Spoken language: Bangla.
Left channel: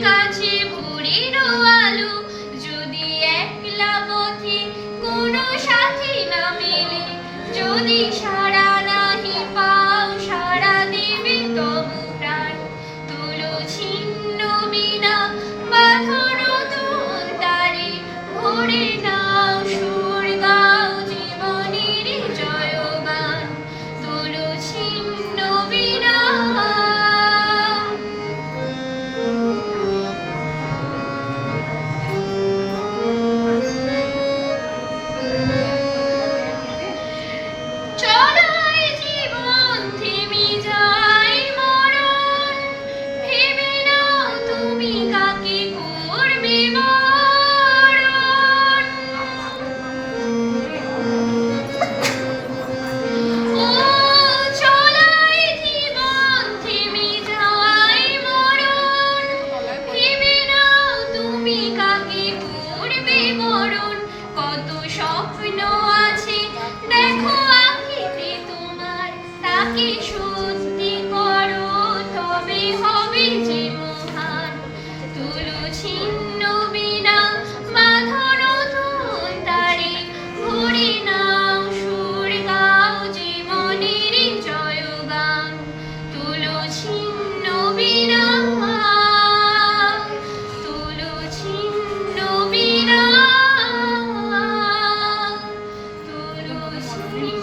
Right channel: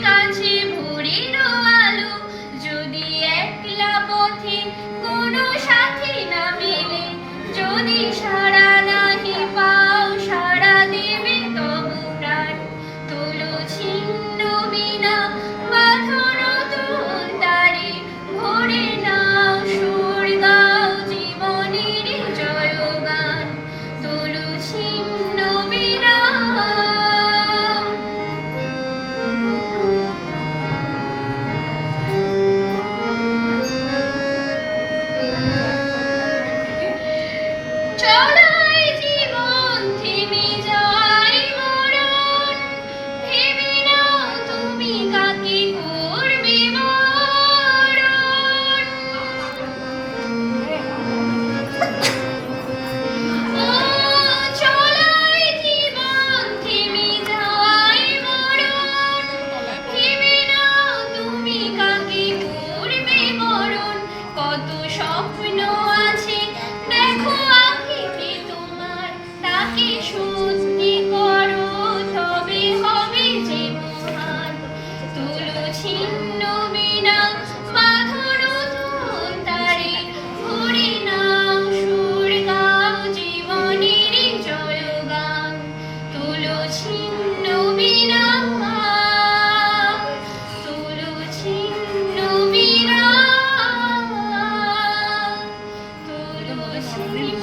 কাছে ভোরের আলো যদি একলা কোনো সাথী না মেলে যদি সারা নাহি পা Thank you.